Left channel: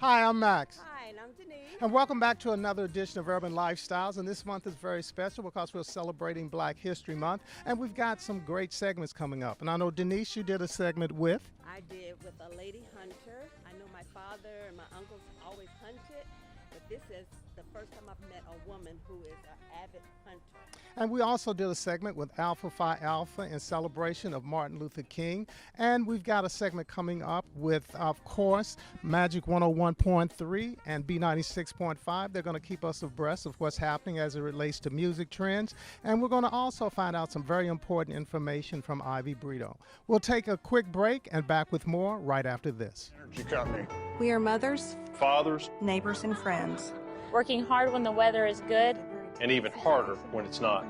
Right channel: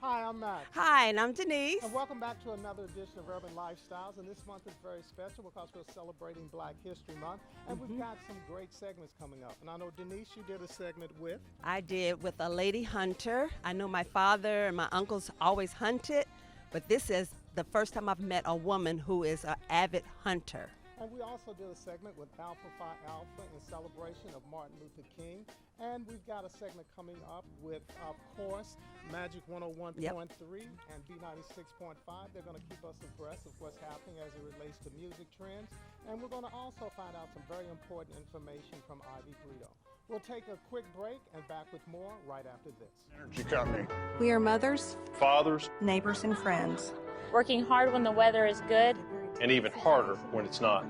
Hi, I'm Max. Hi, and I'm Denise. And welcome back to another edition of Urban Lifestyles. And this month is very special because we're celebrating Black History Month. And we've got some great segments coming up. And I know, Denise, you did a segment with? I did with a lady hunter. I know my father and my uncles always hunted, but this is the first time I've met a woman who is an avid hunter. And we also did a segment with Alpha Phi Alpha in celebration of Martin Luther King. And we've got a segment coming up with, of course, Magic 101.3 and B96.5. They're going to keep us abreast of what's happening as it relates to music trends. And we're going to also find out some very important information from Ivy Brito. We'll take a quick break and back with more right after this. Energy company. We are mothers, Fathers. neighbors, and friends. Working hard when the weather is good. And even harder when it's not.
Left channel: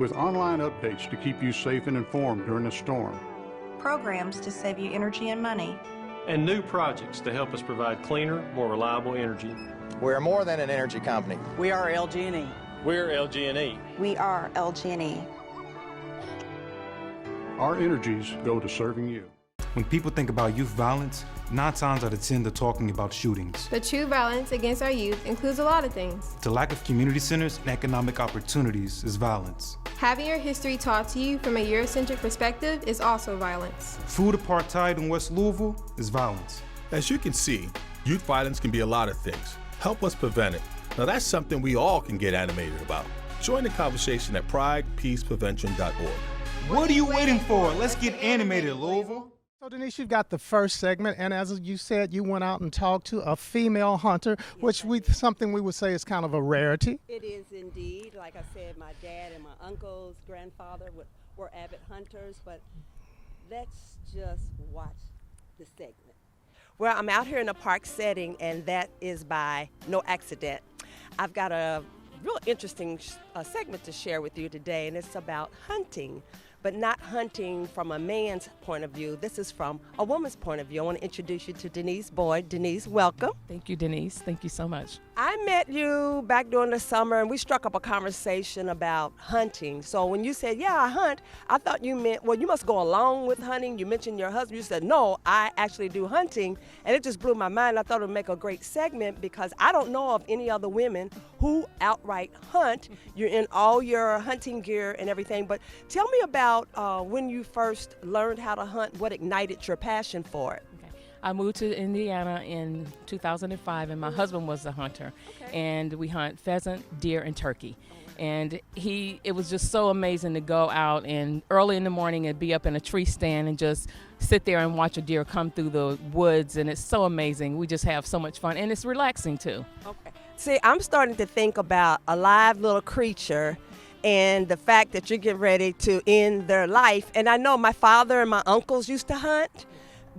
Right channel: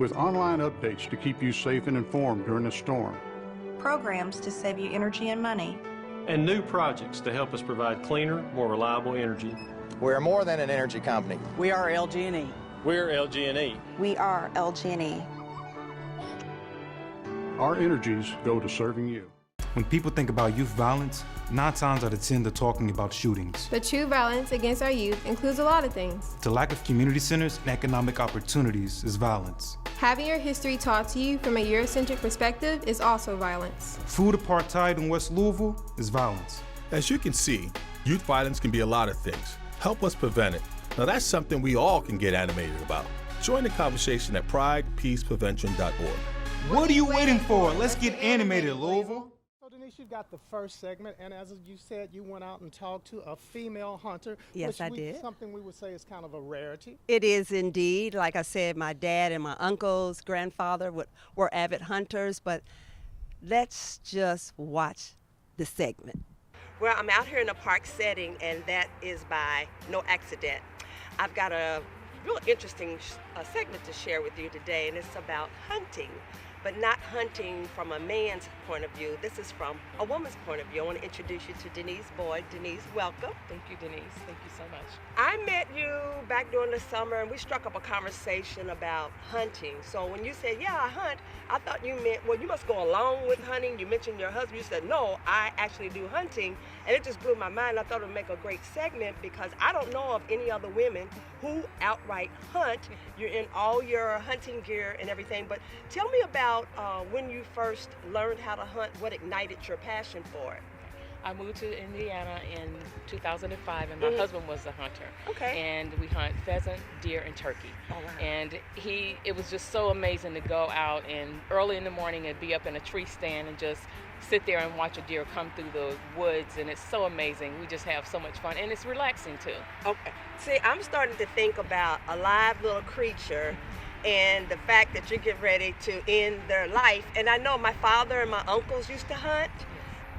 With online updates to keep you safe and informed during the storm. Programs to save you energy and money. And new projects to help us provide cleaner, more reliable energy. We're more than an energy company. We are LG&E. We're LG&E. We are LG&E. Our energies go to serving you. When people think about youth violence, 9 times out of 10 they're talking about shootings. But true violence against our youth includes a lot of things. The lack of community centers and economic opportunities is violence. Having your history taught to you from a Eurocentric perspective is also violence. Food apartheid in West Louisville is violence. As you can see, youth violence can be a lot of things. Help us prevent it. Now that's something we all can get animated about. Join the conversation at pridepeaceprevention.org. What are you waiting for? Let's get animated, Louisville. So, Denise, you've got the first segment, and as you said, you went out and talked to a female hunter, Yes, which I did. something we would say is kind of a rarity. It is indeed. Like I said, my dad and my uncles, grandfather were avid hunters, but let's just watch the segment. Well, I'm out here in a park setting, and that is by no accident. I've got a real interesting segment to share with you today, and it's about hunting. But not hunting from a man's point of view. This is from a woman's point of view. I want to introduce you to Denise Boyd. Denise, welcome. Thank you, Denise. Thank you so much. I met you back during the summer, and we struck up a conversation about hunting. So when you said, yeah, I hunt, I thought you meant, well, you must go along with hunting. You mentioned your husband. You said, no, I actually do hunting. And it just blew my mind. I thought it would make a great segment because I don't know of any other women who outright hunt. You're in all your hunting gear and everything. But tell me about when you first learned how to hunt, what ignited your passion for it? I moved to Indiana in 2005, and my husband was a hunter. Okay. And we hunt pheasant, deer, and turkey. Oh, wow. And it was just so amazing to go out and early in the morning and be up in a tree stand and just sit there and watch a deer come through the woods, and it's so amazing. We just have so much fun, and it's relaxing too. Okay. See, I'm starting to think about a live little creature and the fact that you're getting ready to end their life. And I know my father and my uncles used to hunt,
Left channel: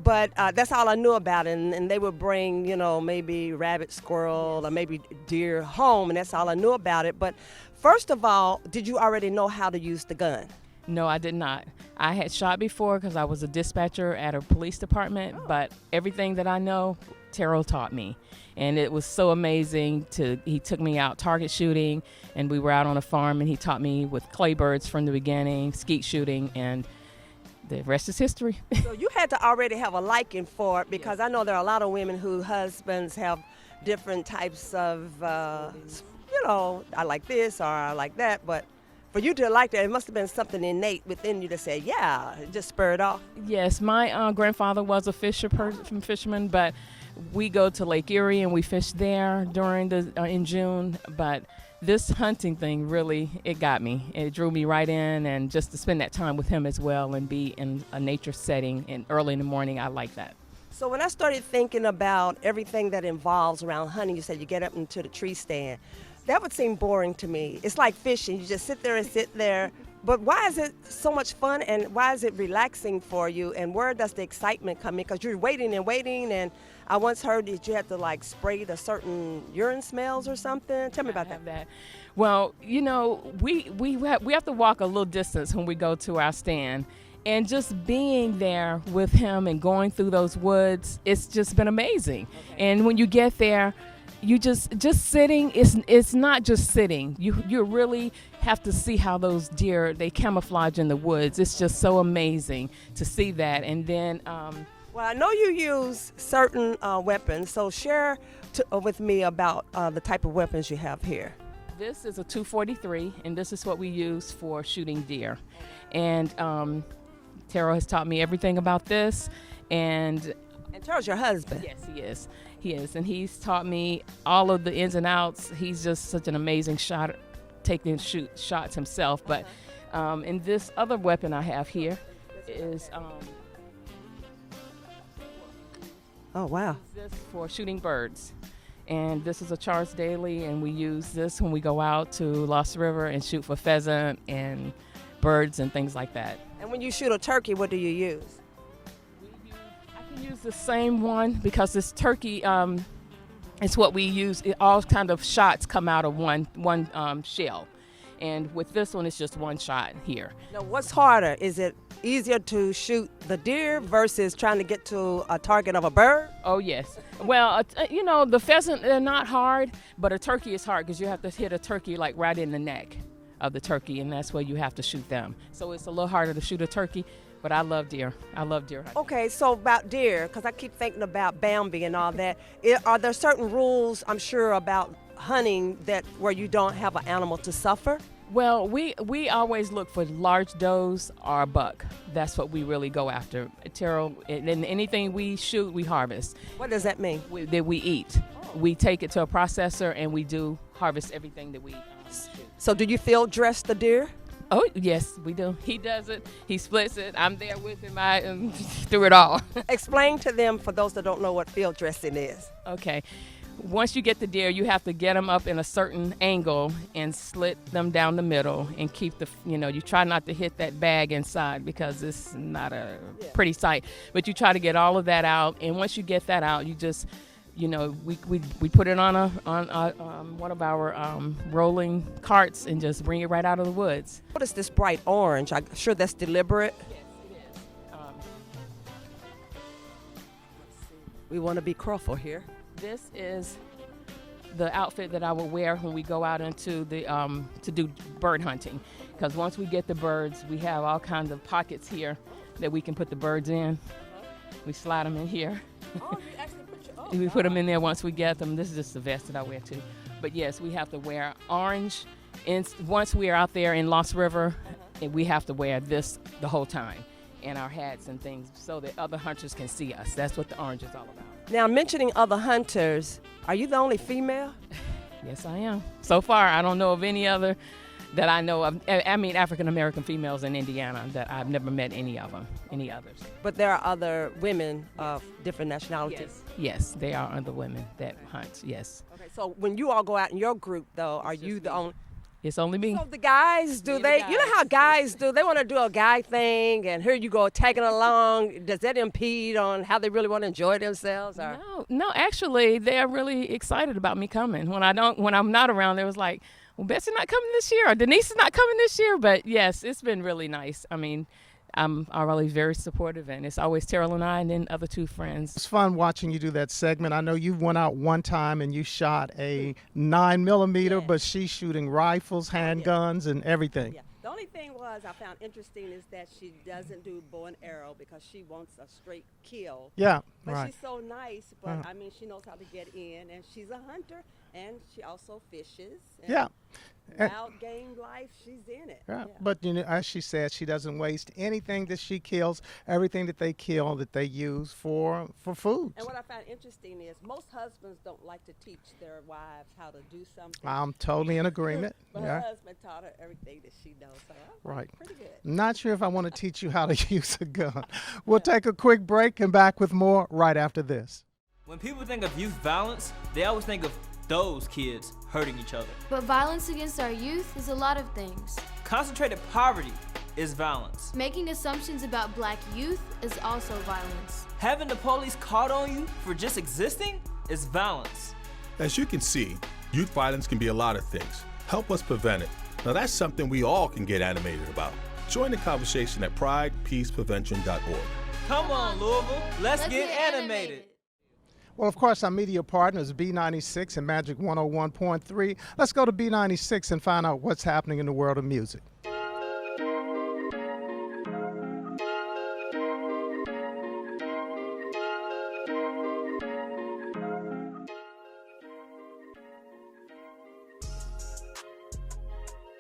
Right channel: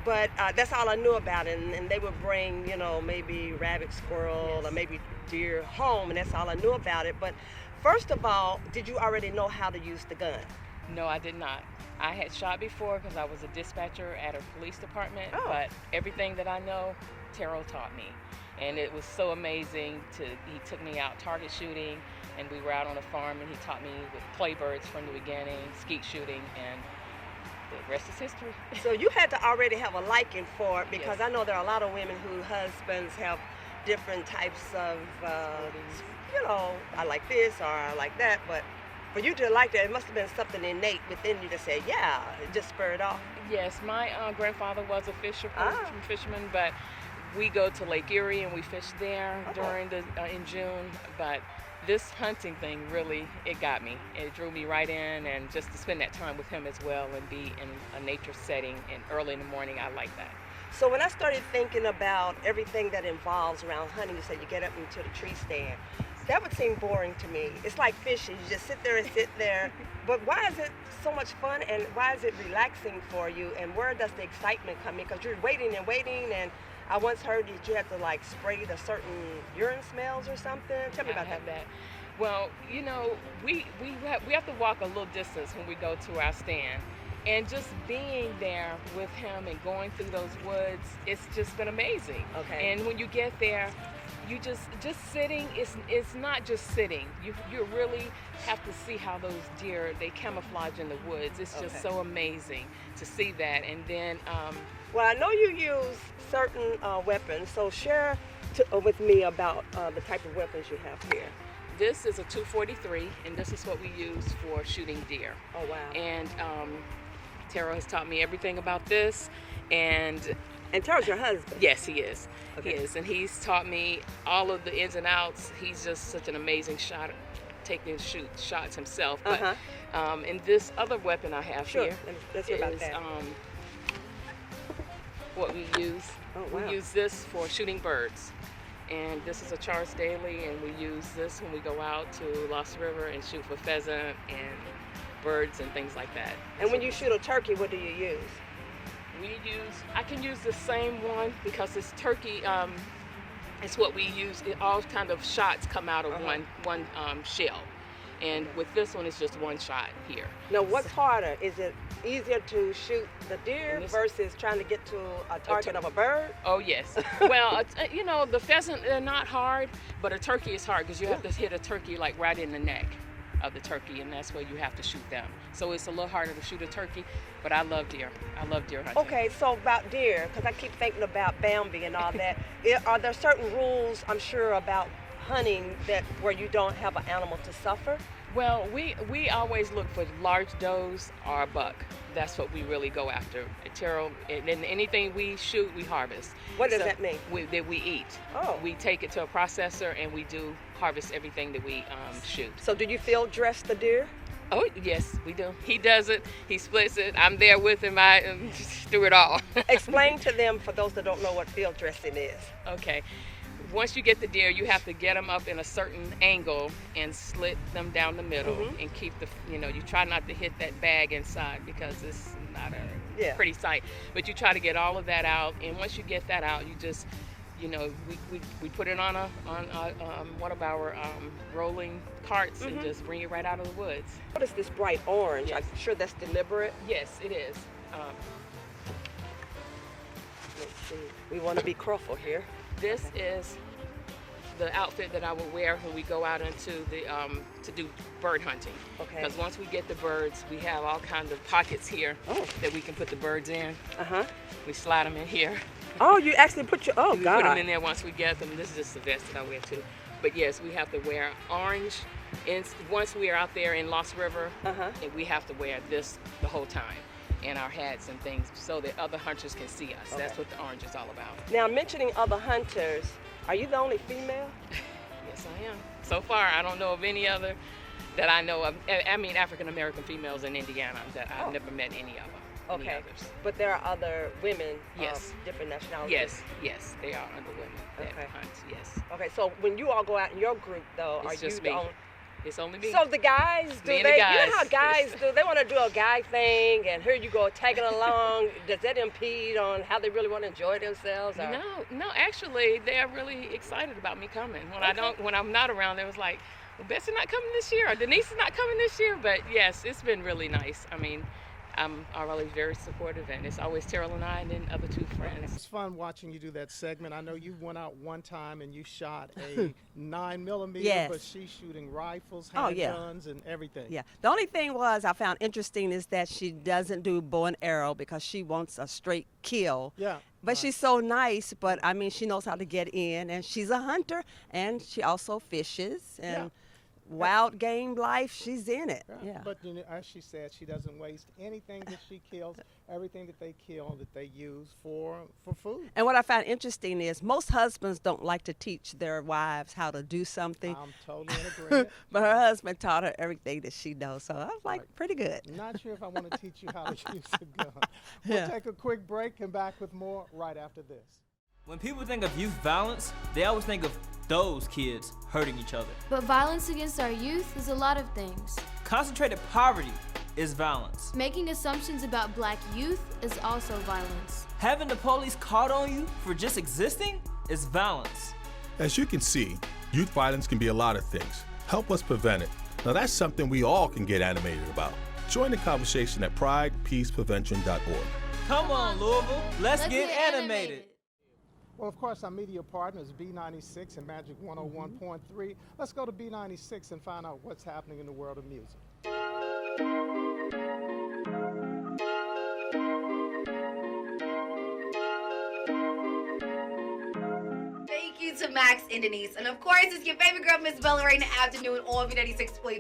but that's all I knew about it. And they would bring, maybe rabbit, squirrel, or maybe deer home, and that's all I knew about it. But first of all, did you already know how to use the gun? No, I did not. I had shot before because I was a dispatcher at a police department, but everything that I know, Terrell taught me. And it was so amazing. He took me out target shooting, and we were out on a farm, and he taught me with clay birds from the beginning, skeet shooting, and the rest is history. So you had to already have a liking for it, because I know there are a lot of women whose husbands have different types of, I like this or I like that, but for you to like that, it must have been something innate within you to say, yeah, it just spurred off. Yes, my grandfather was a fisherman, but we go to Lake Erie and we fish there during in June. But this hunting thing really, it got me. It drew me right in, and just to spend that time with him as well and be in a nature setting and early in the morning, I like that. So when I started thinking about everything that involves around hunting, you said you get up into the tree stand. That would seem boring to me. It's like fishing. You just sit there and sit there. But why is it so much fun, and why is it relaxing for you, and where does the excitement come in? Because you're waiting and waiting, and I once heard that you had to spray the certain urine smells or something. Tell me about that. Well, you know, we have to walk a little distance when we go to our stand. And just being there with him and going through those woods, it's just been amazing. Okay. And when you get there, you just sitting, it's not just sitting. You really have to see how those deer, they camouflage in the woods. It's just so amazing to see that. And then well, I know you use certain weapons, so share with me about the type of weapons you have here. This is a 243, and this is what we use for shooting deer. Oh, wow. And Terrell has taught me everything about this, and Terrell's your husband? Yes, he is. Okay. He is, and he's taught me all of the ins and outs. He's just such an amazing shot, taking shots himself. But and this other weapon I have here Let's hear about is that. what we use. Oh, wow. We use this for shooting birds. And this is a Charles Daly, and we use this when we go out to Lost River and shoot for pheasant and birds and things like that. And when you shoot a turkey, what do you use? I can use the same one because this turkey, it's what we use. All kind of shots come out of one shell. And with this one, it's just one shot here. Now, what's harder? Is it easier to shoot the deer versus trying to get to a target of a bird? Oh, yes. Well, you know, the pheasant, they're not hard, but a turkey is hard because you have to hit a turkey like right in the neck of the turkey, and that's where you have to shoot them. So it's a little harder to shoot a turkey, but I love deer. I love deer hunting. Okay, so about deer, because I keep thinking about Bambi and all that, are there certain rules, I'm sure, about hunting that where you don't have an animal to suffer? Well, we always look for large does or a buck. That's what we really go after. Terrell, and anything we shoot, we harvest. What does that mean? That we eat. Oh. We take it to a processor and we do harvest everything that we shoot. So do you field dress the deer? Oh, yes, we do. He does it. He splits it. I'm there with him. I do it all. Explain to them, for those that don't know what field dressing is. Okay. Once you get the deer, you have to get them up in a certain angle and slit them down the middle and keep you try not to hit that bag inside because it's not a pretty sight. But you try to get all of that out, and once you get that out, you just, we put it on one of our rolling carts and just bring it right out of the woods. What is this bright orange? I'm sure that's deliberate. Yes, it is. Let's see. We want to be careful here. This is the outfit that I will wear when we go out into the to do bird hunting. Because once we get the birds, we have all kinds of pockets here that we can put the birds in. We slide them in here. Oh, you actually put your we put them in there once we get them. This is just the vest that I wear too. But yes, we have to wear orange. And once we are out there in Lost River, we have to wear this the whole time. And our hats and things so that other hunters can see us. That's what the orange is all about. Now, mentioning other hunters, are you the only female? Yes, I am. So far, I don't know of any other that I know of. I mean, African-American females in Indiana that I've never met any of them, any others. But there are other women of different nationalities? Yes, there are other women that hunt, yes. Okay, so when you all go out in your group, though, are you the only... It's only me. So the guys, you know how guys do, they want to do a guy thing, and here you go tagging along. Does that impede on how they really want to enjoy themselves? Or? No, actually, they're really excited about me coming. When I'm not around, they was like, well, Betsy's not coming this year, or Denise is not coming this year. But yes, it's been really nice. I mean, I'm always very supportive, and it's always Terrell and I and then other two friends. It's fun watching you do that segment. I know you went out one time and you shot a 9mm, but she's shooting rifles, handguns, and everything. Yeah. The only thing I found interesting is that she doesn't do bow and arrow because she wants a straight kill. Yeah. But she's so nice, but I mean, she knows how to get in, and she's a hunter, and she also fishes. And wild game life, she's in it. Yeah. But as she said, she doesn't waste anything that she kills. Everything that they kill, that they use for food. And what I found interesting is most husbands don't like to teach their wives how to do something. I'm totally in agreement. But her husband taught her everything that she knows, so I was like, pretty good. Not sure if I want to teach you how to use a gun. We'll take a quick break and back with more right after this. When people think of youth violence, they always think of those kids hurting each other. But violence against our youth is a lot of things. Concentrated poverty is violence. Making assumptions about black youth is also violence. Having the police called on you for just existing is violence. As you can see, youth violence can be a lot of things. Help us prevent it. Now that's something we all can get animated about. Join the conversation at pridepeaceprevention.org. Come on, Louisville. Let's get animated. Well, of course, our media partner is B96 and Magic 101.3. Let's go to B96 and find out what's happening in the world of music. Max and Denise. And of course, it's your favorite girl, Miss Bella, right in the afternoon on B96.5.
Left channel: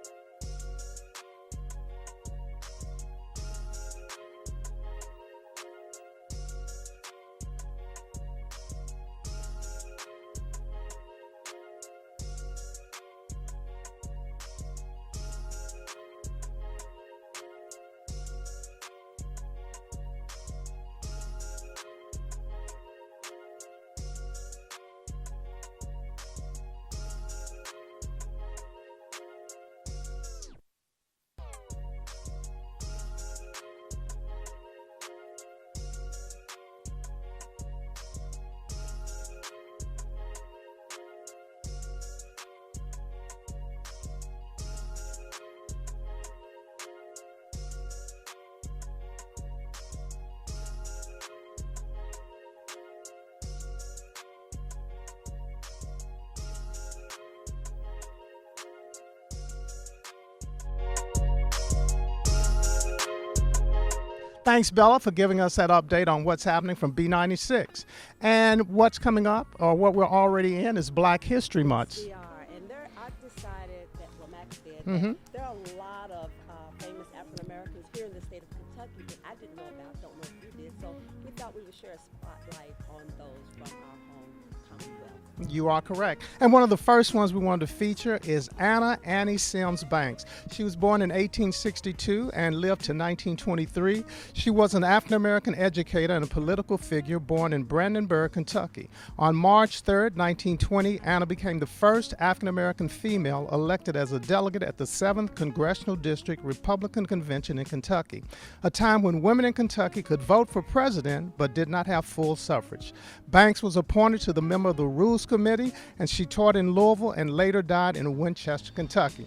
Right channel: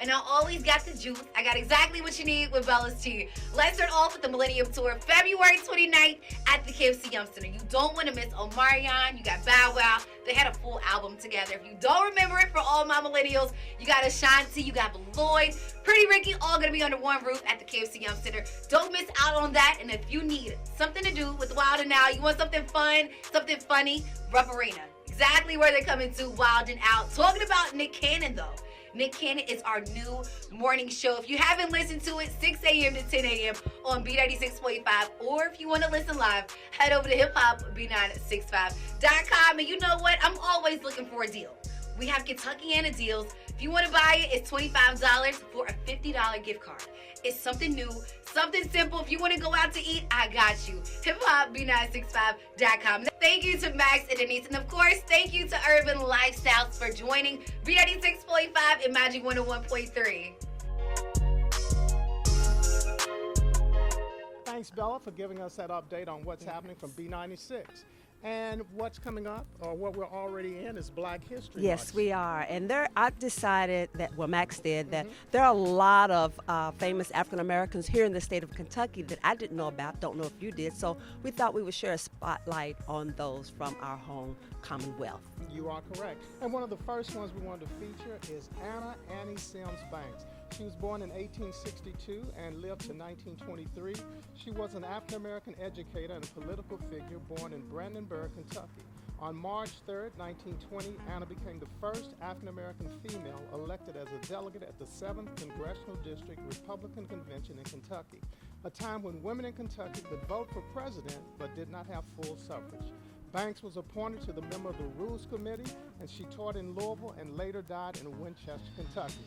And I always got the juice. I got exactly what you need with Bella's tea. Let's start off with the Millennium Tour, February 29th at the KFC Yum Center. You don't want to miss Omarion. You got Bow Wow. They had a full album together. If you don't remember it, for all my millennials, you got Ashanti, you got Lloyd, Pretty Ricky, all going to be under one roof at the KFC Yum Center. Don't miss out on that. And if you need something to do with Wild 'N Out, you want something fun, something funny, Rupp Arena. Exactly where they're coming to, Wild 'N Out. Talking about Nick Cannon, though. Nick Cannon is our new morning show. If you haven't listened to it, 6 a.m. to 10 a.m. on B96.5, or if you want to listen live, head over to hiphopb965.com. And you know what? I'm always looking for a deal. We have Kentuckiana deals. If you want to buy it, it's $25 for a $50 gift card. It's something new, something simple. If you want to go out to eat, I got you. hiphopb965.com. Thank you to Max and Denise. And of course, thank you to Urban Lifestylez for joining B96.5 and Magic 101.3. Thanks, Bella, for giving us that update on what's happening from B96. And what's coming up, or what we're already in, is Black History Month. Yes, we are. And I've decided that, well, Max did, that there are a lot of famous African Americans here in the state of Kentucky that I didn't know about, don't know if you did. So we thought we would share a spotlight on those from our home Commonwealth. You are correct. And one of the first ones we wanted to feature is Annie Sims Banks. She was born in 1862 and lived to 1923. She was an African-American educator and a political figure born in Brandenburg, Kentucky. On March 3rd, 1920, Anna became the first African-American female elected as a delegate at the 7th Congressional District Republican Convention in Kentucky, a time when women in Kentucky could vote for president but did not have full suffrage. Banks was appointed to the member of the Rules Committee, and she taught in Louisville and later died in Winchester, Kentucky.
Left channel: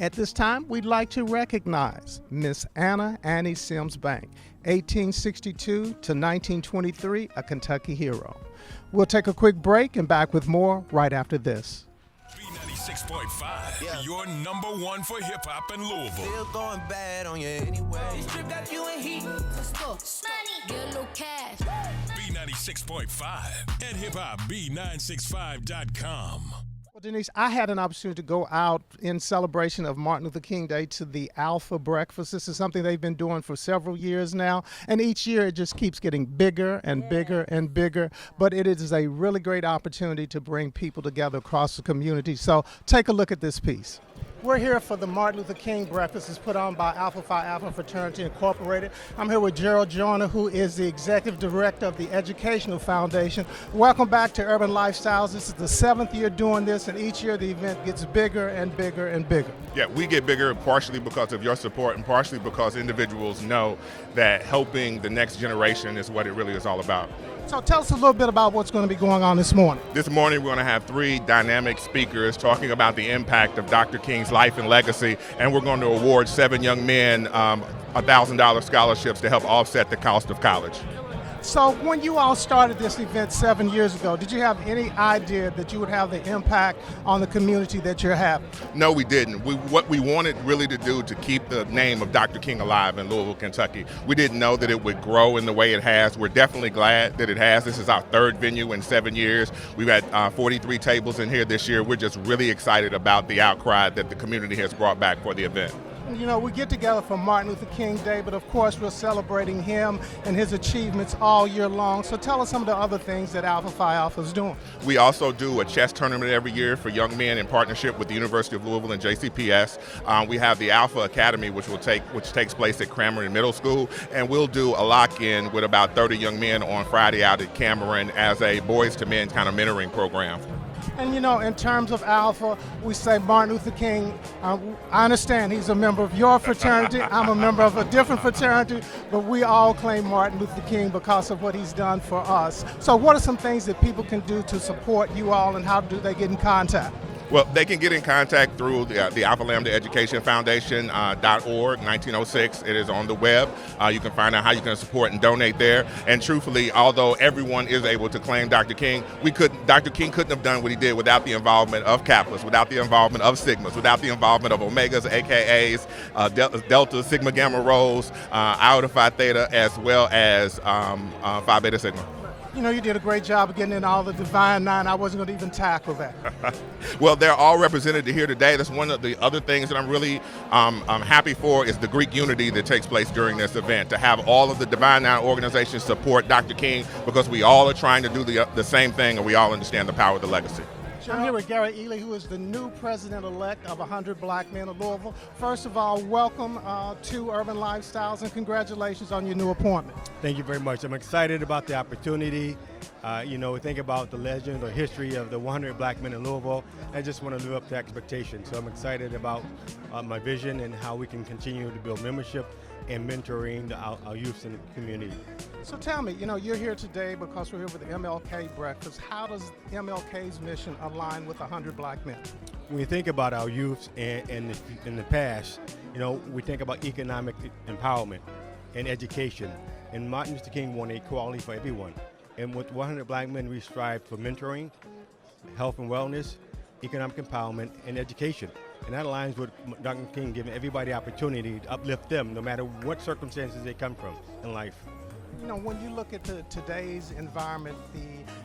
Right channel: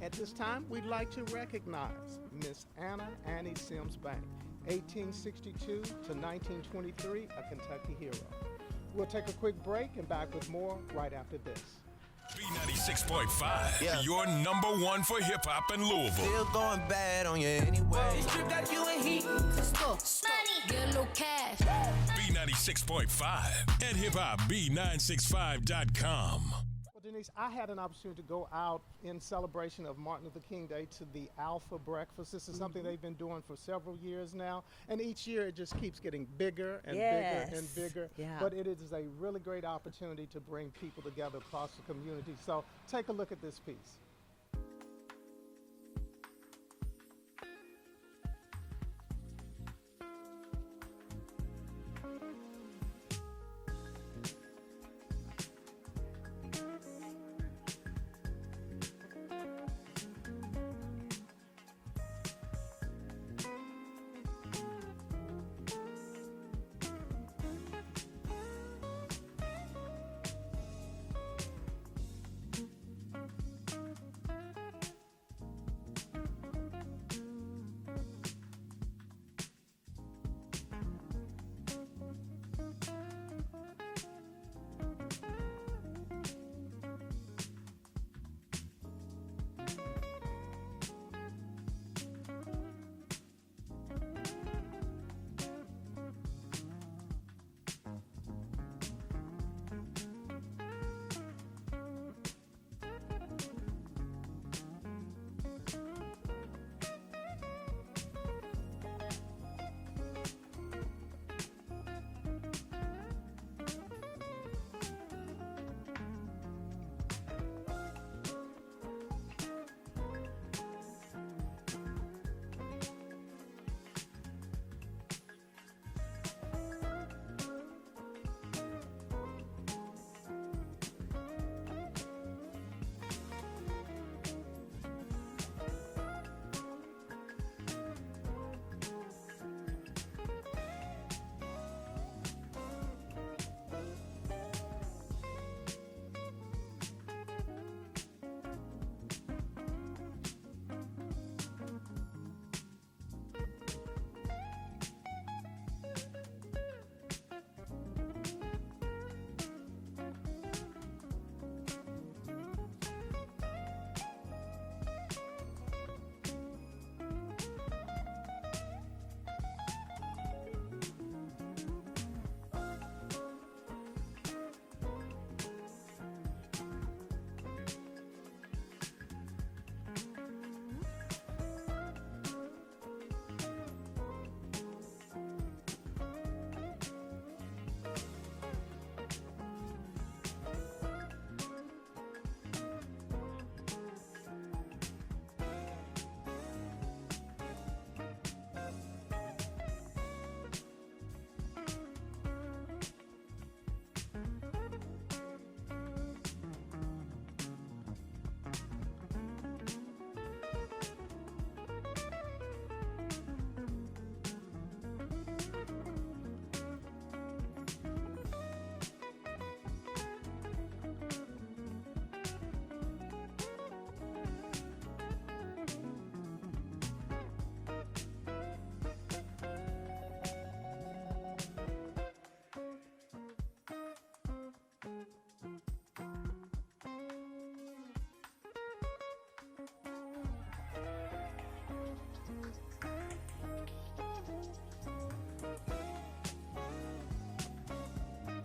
At this time, we'd like to recognize Miss Annie Sims Banks, 1862 to 1923, a Kentucky hero. We'll take a quick break and back with more right after this. B96.5, your number one for hip hop in Louisville. Still going bad on you anyway. This trip got you in heat. Let's go. Money. Get a little cash. B96.5 and hiphopb965.com. Denise, I had an opportunity to go out in celebration of Martin Luther King Day to the Alpha Breakfast. This is something they've been doing for several years now, and each year it just keeps getting bigger and bigger and bigger. Yeah. But it is a really great opportunity to bring people together across the community. So take a look at this piece. We're here for the Martin Luther King Breakfast. It's put on by Alpha Phi Alpha Fraternity Incorporated. I'm here with Gerald Joyner, who is the Executive Director of the Educational Foundation. Welcome back to Urban Lifestylez. This is the 7th year doing this, and each year the event gets bigger and bigger and bigger. Yeah, we get bigger partially because of your support and partially because individuals know that helping the next generation is what it really is all about. So tell us a little bit about what's going to be going on this morning. This morning we're going to have 3 dynamic speakers talking about the impact of Dr. King's life and legacy, and we're going to award 7 young men $1,000 scholarships to help offset the cost of college. So when you all started this event 7 years ago, did you have any idea that you would have the impact on the community that you're having? No, we didn't. What we wanted really to do to keep the name of Dr. King alive in Louisville, Kentucky. We didn't know that it would grow in the way it has. We're definitely glad that it has. This is our 3rd venue in 7 years. We've had 43 tables in here this year. We're just really excited about the outcry that the community has brought back for the event. You know, we get together for Martin Luther King Day, but of course we're celebrating him and his achievements all year long. So tell us some of the other things that Alpha Phi Alpha is doing. We also do a chess tournament every year for young men in partnership with the University of Louisville and JCPS. We have the Alpha Academy, which takes place at Cameron Middle School, and we'll do a lock-in with about 30 young men on Friday out at Cameron as a boys to men kind of mentoring program. And you know, in terms of Alpha, we say Martin Luther King, I understand he's a member of your fraternity, I'm a member of a different fraternity, but we all claim Martin Luther King because of what he's done for us. So what are some things that people can do to support you all, and how do they get in contact? Well, they can get in contact through the Alpha Lambda Education Foundation .org, 1906. It is on the web. You can find out how you can support and donate there. And truthfully, although everyone is able to claim Dr. King, Dr. King couldn't have done what he did without the involvement of Kappas, without the involvement of Sigmas, without the involvement of Omegas, AKAs, Delta, Sigma, Gamma, Rhos, Iota Phi Theta, as well as Phi Beta Sigma. You know, you did a great job of getting in all the Divine Nine. I wasn't going to even tackle that. Well, they're all represented here today. That's one of the other things that I'm really happy for is the Greek unity that takes place during this event, to have all of the Divine Nine organizations support Dr. King, because we all are trying to do the same thing, and we all understand the power of the legacy. I'm here with Gary Ely, who is the new president-elect of 100 Black Men of Louisville. First of all, welcome to Urban Lifestylez, and congratulations on your new appointment. Thank you very much. I'm excited about the opportunity. You know, think about the legend or history of the 100 Black Men in Louisville. I just want to live up to expectations. So I'm excited about my vision and how we can continue to build membership and mentoring our youth in the community. So tell me, you know, you're here today because we're here with the MLK Breakfast. How does MLK's mission align with 100 Black Men? When you think about our youth and in the past, you know, we think about economic empowerment and education. And Martin Luther King wanted equality for everyone. And with 100 Black Men, we strive for mentoring, health and wellness, economic empowerment, and education. And that aligns with Dr. King giving everybody opportunity to uplift them no matter what circumstances they come from in life. You know, when you look at today's environment,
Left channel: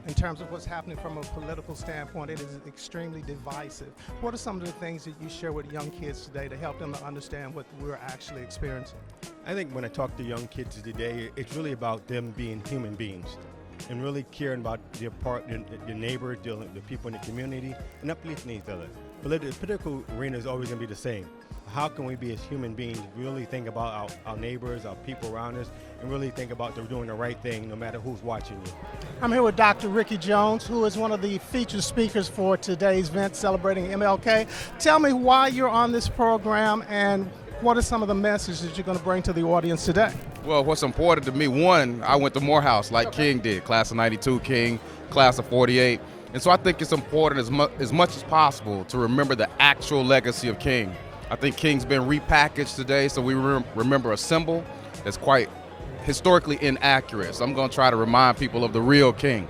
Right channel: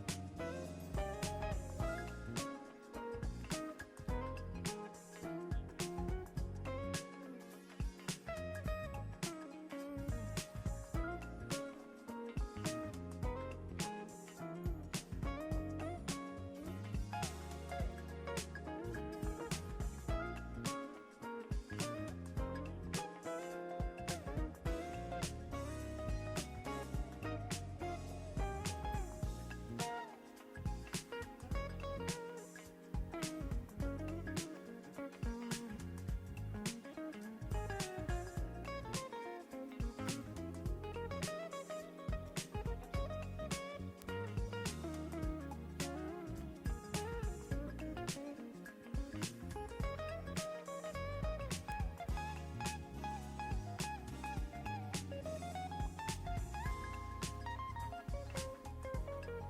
in terms of what's happening from a political standpoint, it is extremely divisive. What are some of the things that you share with young kids today to help them to understand what we're actually experiencing? I think when I talk to young kids today, it's really about them being human beings and really caring about their partner, your neighbor, the people in the community, and uplifting each other. The political arena is always going to be the same. How can we be as human beings really think about our neighbors, our people around us, and really think about them doing the right thing no matter who's watching you? I'm here with Dr. Ricky Jones, who is one of the featured speakers for today's event celebrating MLK. Tell me why you're on this program and what are some of the messages you're going to bring to the audience today? Well, what's important to me, one, I went to Morehouse like King did, class of 92 King, class of 48. And so I think it's important as much as possible to remember the actual legacy of King. I think King's been repackaged today, so we remember a symbol that's quite historically inaccurate. So I'm going to try to remind people of the real King.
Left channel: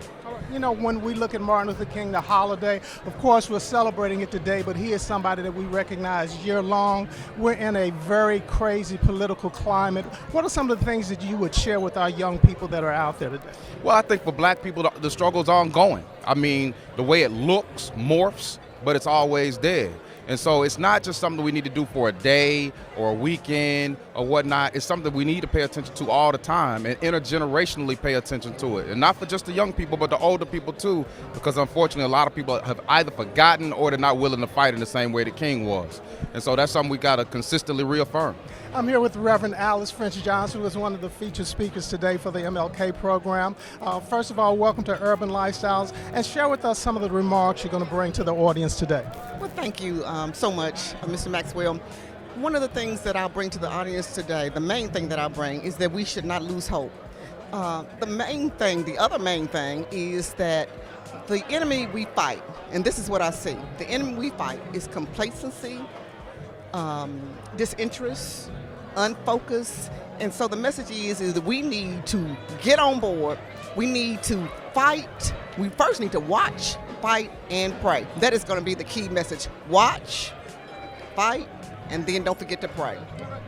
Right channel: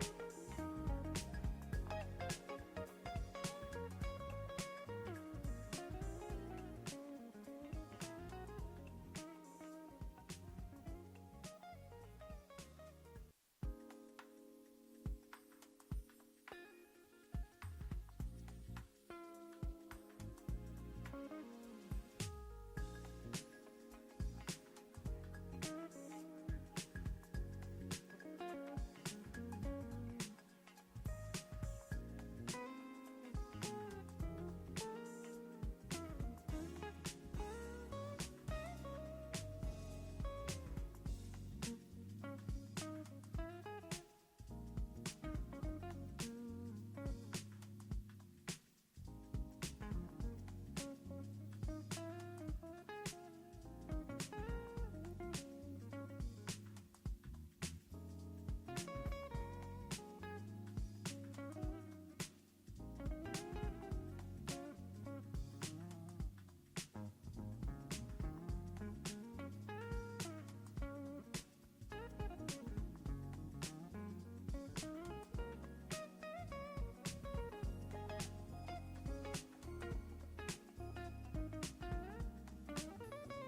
You know, when we look at Martin Luther King, the holiday, of course we're celebrating it today, but he is somebody that we recognize year long. We're in a very crazy political climate. What are some of the things that you would share with our young people that are out there today? Well, I think for black people, the struggle's ongoing. I mean, the way it looks morphs, but it's always there. And so it's not just something we need to do for a day or a weekend or whatnot. It's something we need to pay attention to all the time and intergenerationally pay attention to it. And not for just the young people, but the older people too, because unfortunately a lot of people have either forgotten or they're not willing to fight in the same way that King was. And so that's something we got to consistently reaffirm. I'm here with Reverend Alice French Johnson, who is one of the featured speakers today for the MLK program. First of all, welcome to Urban Lifestylez, and share with us some of the remarks you're going to bring to the audience today. Well, thank you so much, Mr. Maxwell. One of the things that I'll bring to the audience today, the main thing that I'll bring, is that we should not lose hope. The other main thing is that the enemy we fight, and this is what I see, the enemy we fight is complacency, disinterest, unfocused, and so the message is that we need to get on board. We need to fight. We first need to watch, fight, and pray. That is going to be the key message. Watch, fight, and then don't forget to pray.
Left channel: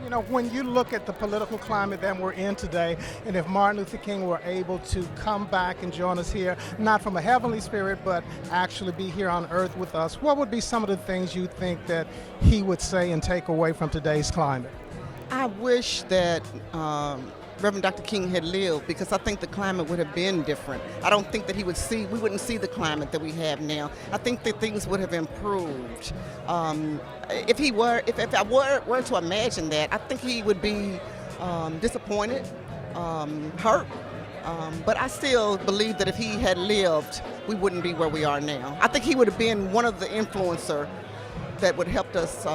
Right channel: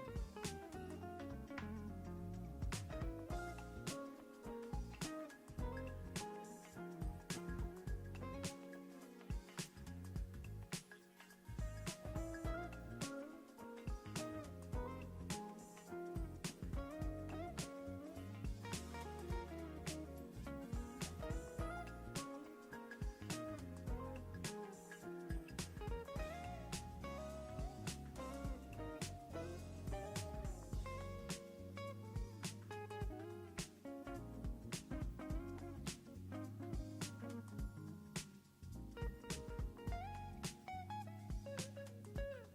You know, when you look at the political climate that we're in today, and if Martin Luther King were able to come back and join us here, not from a heavenly spirit, but actually be here on earth with us, what would be some of the things you think that he would say and take away from today's climate? I wish that Reverend Dr. King had lived, because I think the climate would have been different. I don't think that we wouldn't see the climate that we have now. I think that things would have improved. If I were to imagine that, I think he would be disappointed, hurt. But I still believe that if he had lived, we wouldn't be where we are now. I think he would have been one of the influencers that would help us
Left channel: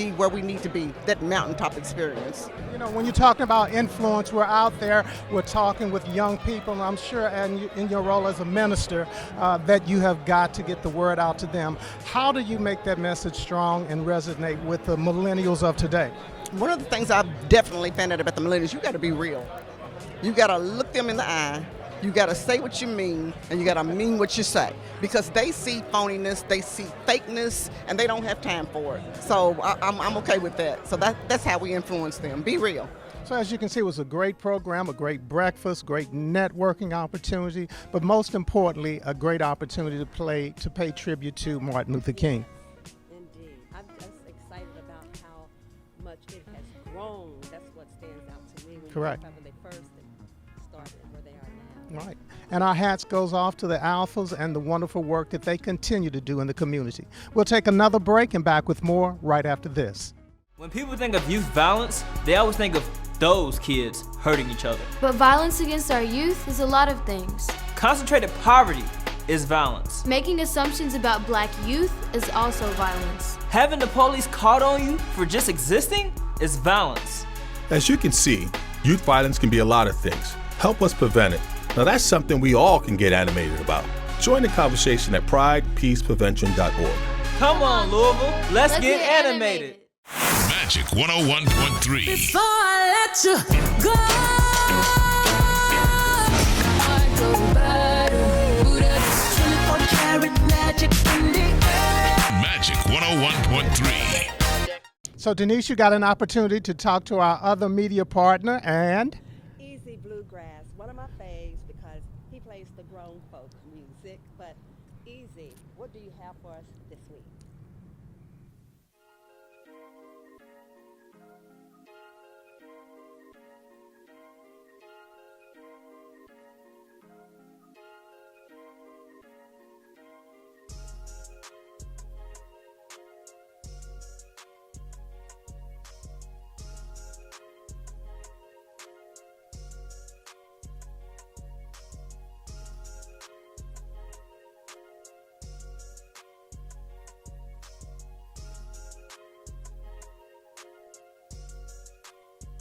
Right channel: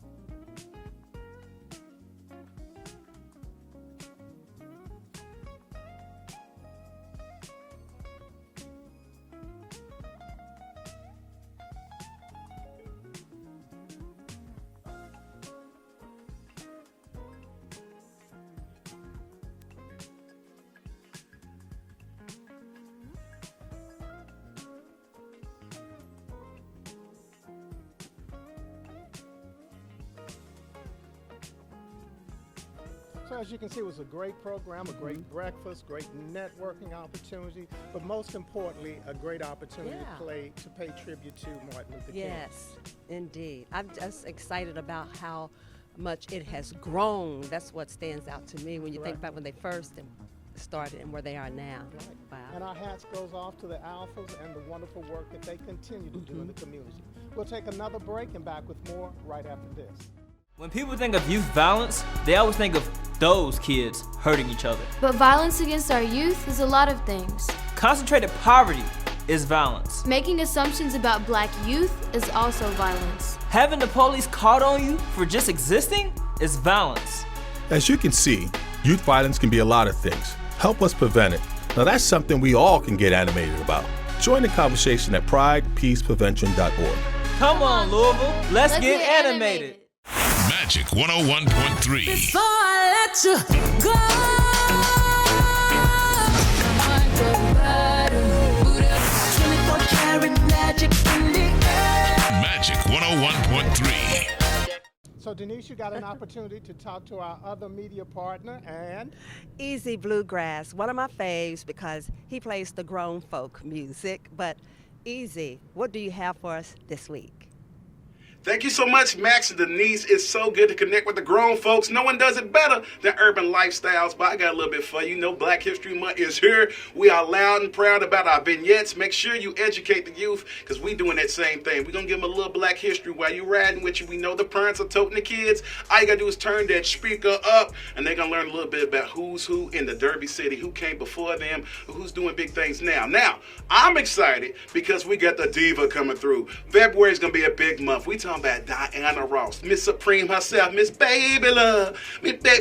be where we need to be, that mountaintop experience. You know, when you're talking about influence, we're out there, we're talking with young people, and I'm sure and in your role as a minister that you have got to get the word out to them. How do you make that message strong and resonate with the millennials of today? One of the things I've definitely found out about the millennials, you got to be real. You got to look them in the eye. You got to say what you mean, and you got to mean what you say, because they see phoniness, they see fakeness, and they don't have time for it. So I'm okay with that. So that's how we influence them. Be real. So as you can see, it was a great program, a great breakfast, great networking opportunity, but most importantly, a great opportunity to pay tribute to Martin Luther King. Yes, indeed. I'm just excited about how much it has grown. That's what stands out to me when you think about when they first started and where they are now. Right. And our hats goes off to the Alphas and the wonderful work that they continue to do in the community. We'll take another break and back with more right after this. When people think of youth violence, they always think of those kids hurting each other. But violence against our youth is a lot of things. Concentrated poverty is violence. Making assumptions about black youth is also violence. Having the police called on you for just existing is violence. As you can see, youth violence can be a lot of things. Help us prevent it. Now that's something we all can get animated about. Join the conversation at pridepeaceprevention.org. Come on, Louisville, let's get animated. Magic 101.3. Before I let you go, my heart goes bad. Buddha, 24 karat magic in the air. Magic 101.3. So Denise, you got an opportunity to talk to our other media partner, and Easy Bluegrass, one of my faves because he plays the grown folk music. But Easy, what do you have for us this week? Thank you so much, Max and Denise. It's so good to connect with the grown folks. No one does it better than Urban Lifestylez, but I got a little bit for you. You know, Black History Month is here. We are loud and proud about our vignettes. Make sure you educate the youth, because we doing that same thing. We're going to give them a little Black history while you riding with you. We know the parents are toting the kids. All you got to do is turn that speaker up, and they're going to learn a little bit about who's who in the Derby City, who came before them, who's doing big things now. Now, I'm excited because we got the diva coming through. February is going to be a big month. We talking about Diana Ross, Miss Supreme herself, Miss Baby Love.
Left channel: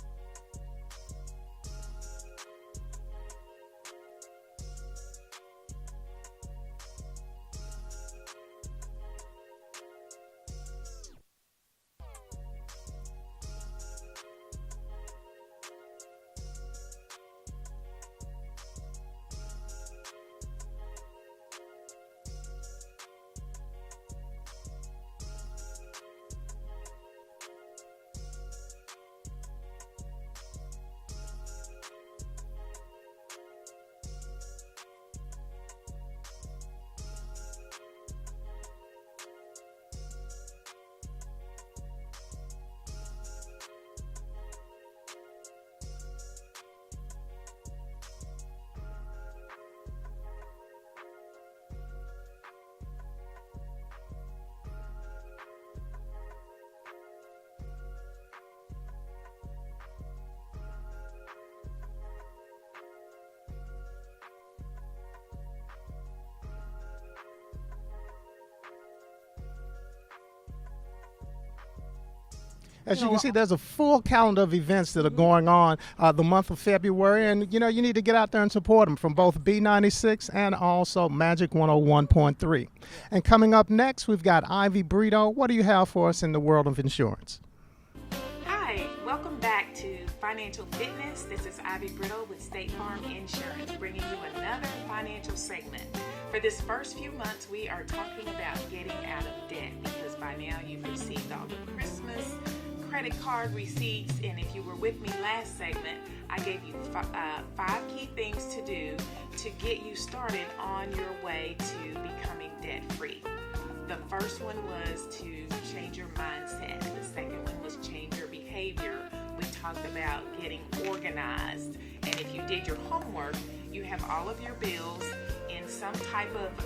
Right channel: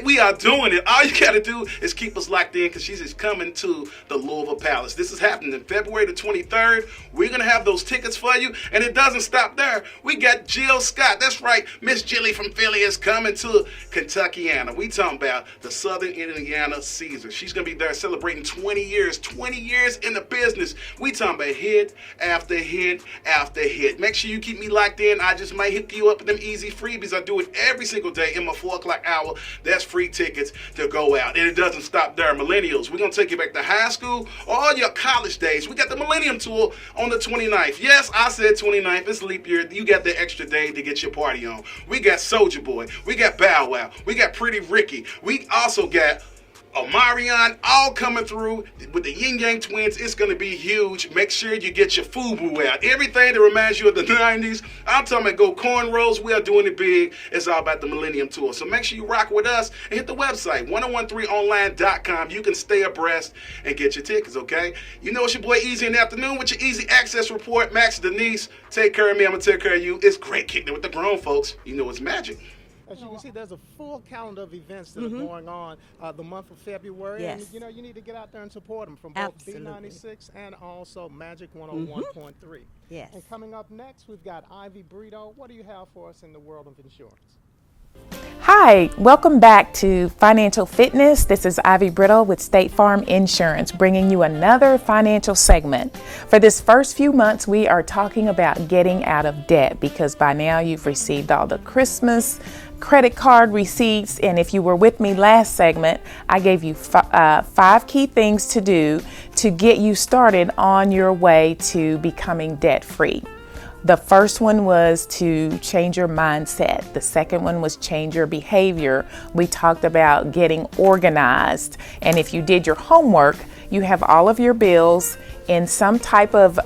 We are doing it. All you got to do is keep us locked in, because she's just coming to the Louisville Palace. This is happening on February the 23rd. We're going to have those tickets for you, and it doesn't stop there. We got Jill Scott. That's right. Miss Jilly from Philly is coming to Kentuckiana. We talking about the Southern Indiana Caesar. She's going to be there celebrating 20 years in the business. We talking about hit after hit after hit. Make sure you keep me locked in. I just might hit you up with them easy freebies. I do it every single day in my 4 o'clock hour. That's free tickets to go out. And it doesn't stop there. Millennials, we're going to take you back to high school, all your college days. We got the Millennium Tour on the 29th. Yes, I said 29th. It's leap year. You got the extra day to get your party on. We got Soulja Boy. We got Bow Wow. We got Pretty Ricky. We also got Omarion, all coming through with the Yin Yang Twins. It's going to be huge. Make sure you get your FUBU out. Everything that reminds you of the 90s. I'm talking about go cornrows. We are doing it big. It's all about the Millennium Tour. So make sure you rock with us and hit the website, 1013online.com. You can stay abreast and get your tickets, okay? You know it's your boy Easy in the afternoon with your Easy Access Report. Max, Denise, take care of me. I'm going to take care of you. It's great kicking it with the grown folks. You know it's magic. As you can see, there's a full calendar of events that are going on the month of February, and you know you need to get out there and support them from both B96 and also Magic 101.3. Yes. And coming up next, we've got Ivy Brito. What do you have for us in the world of insurance? Hi, welcome back to Financial Fitness. This is Ivy Brittle with State Farm Insurance, bringing you another financial segment. For this first few months, we are talking about getting out of debt, because by now you've received all the Christmas credit card receipts, and if you were with me last segment, I gave you 5 key things to do to get you started on your way to becoming debt-free. The first one was to change your mindset. The second one was change your behavior. We talked about getting organized. And if you did your homework, you have all of your bills in some type of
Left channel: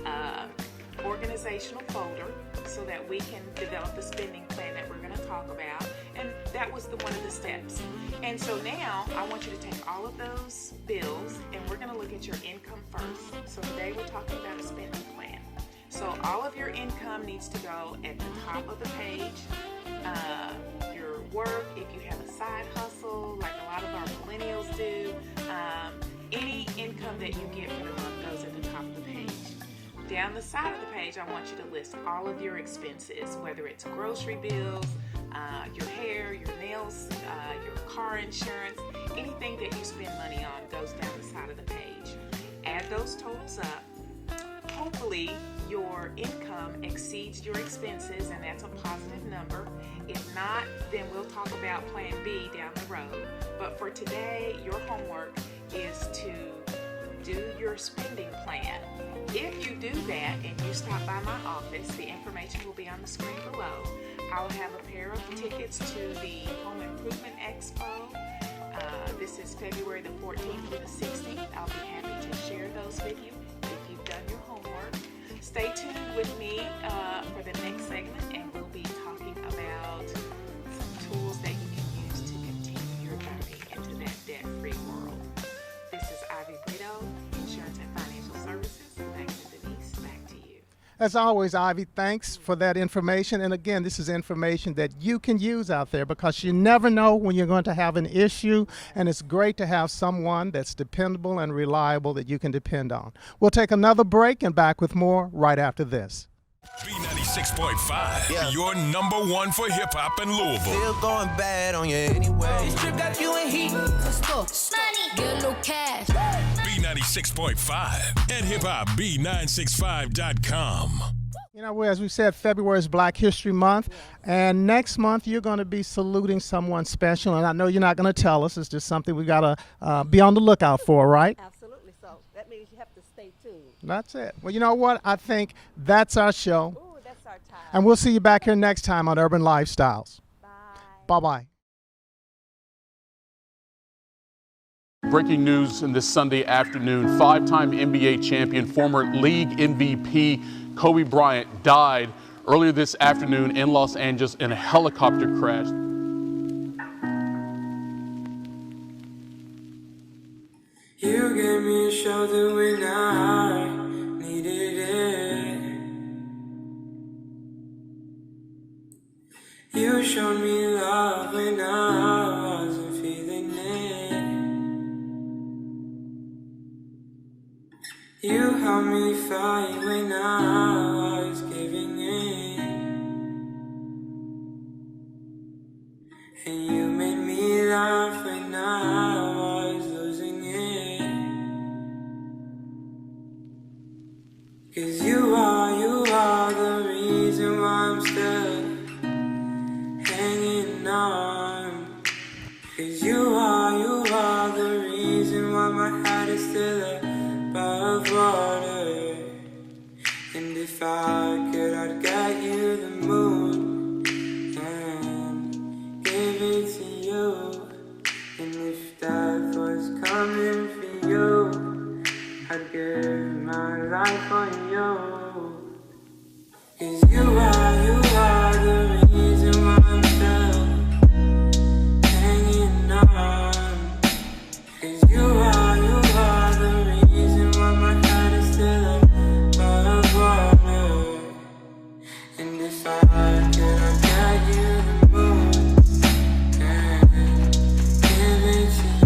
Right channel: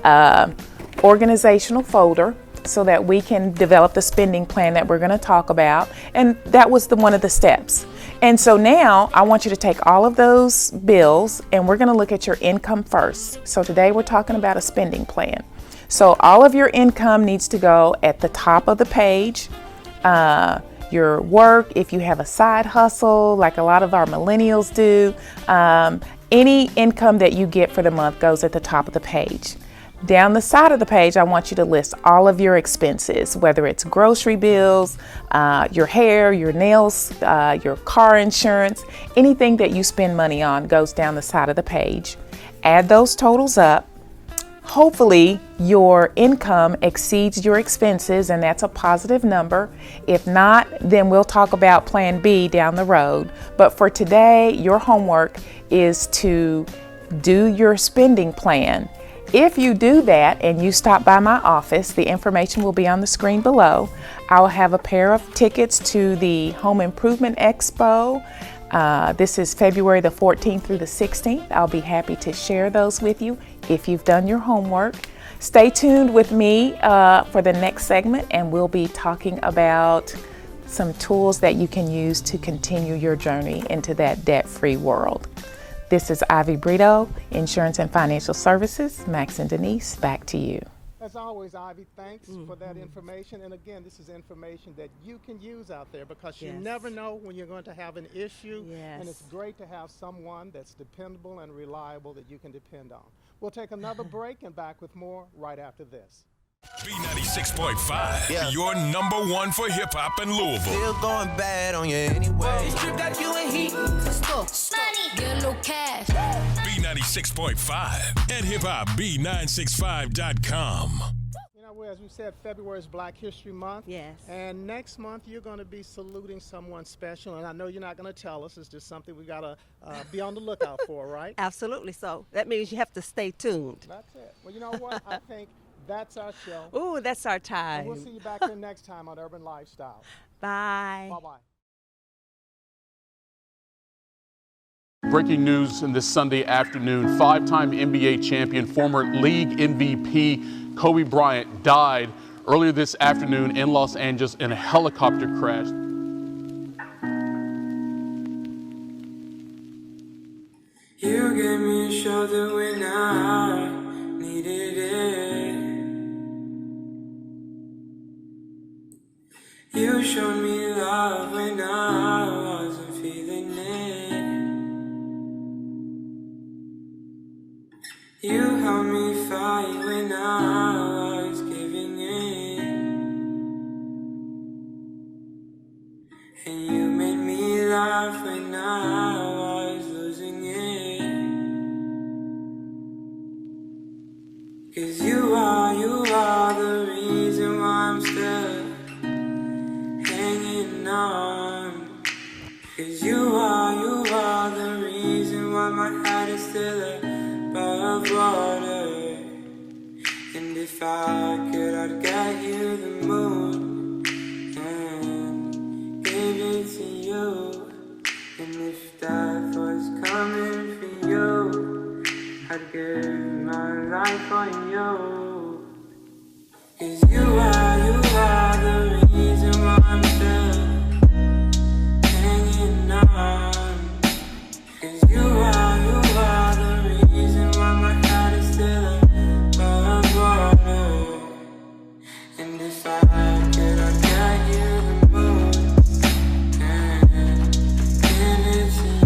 organizational folder, so that we can develop the spending plan that we're going to talk about. And that was one of the steps. And so now I want you to take all of those bills, and we're going to look at your income first. So today we're talking about a spending plan. So all of your income needs to go at the top of the page, your work, if you have a side hustle like a lot of our millennials do, any income that you get for the month goes at the top of the page. Down the side of the page, I want you to list all of your expenses, whether it's grocery bills, your hair, your nails, your car insurance, anything that you spend money on goes down the side of the page. Add those totals up. Hopefully your income exceeds your expenses, and that's a positive number. If not, then we'll talk about plan B down the road. But for today, your homework is to do your spending plan. If you do that and you stop by my office, the information will be on the screen below. I'll have a pair of tickets to the Home Improvement Expo. This is February the 14th through the 16th. I'll be happy to share those with you if you've done your homework. Stay tuned with me for the next segment, and we'll be talking about some tools that you can use to continue your journey into that debt-free world. This is Ivy Brito, Insurance and Financial Services. Max and Denise, back to you. As always, Ivy, thanks for that information. And again, this is information that you can use out there because you never know when you're going to have an issue. And it's great to have someone that's dependable and reliable that you can depend on. We'll take another break and back with more right after this. B96.5, your number one for hip hop in Louisville. Still going bad on you anyway. This trip got you in heat. To store. Money. Get a little cash. B96.5 and hiphopb965.com. You know, as we said, February is Black History Month, and next month you're going to be saluting someone special, and I know you're not going to tell us. It's just something we got to be on the lookout for, right? Absolutely so. That means you have to stay tuned. That's it. Well, you know what? I think that's our show. Ooh, that's our time. And we'll see you back here next time on Urban Lifestyles. Bye. Bye-bye. Breaking news in this Sunday afternoon, five-time NBA champion, former league MVP Kobe Bryant died earlier this afternoon in Los Angeles in a helicopter crash. You gave me a shoulder when I needed it. You showed me love when I wasn't feeling it. You helped me fight when I was giving in. And you made me laugh when I was losing it. 'Cause you are the reason why I'm still hanging on. 'Cause you are the reason why my heart is still above water. And if I could, I'd get you the moon and give it to you. And if death was coming for you, I'd give my life on you.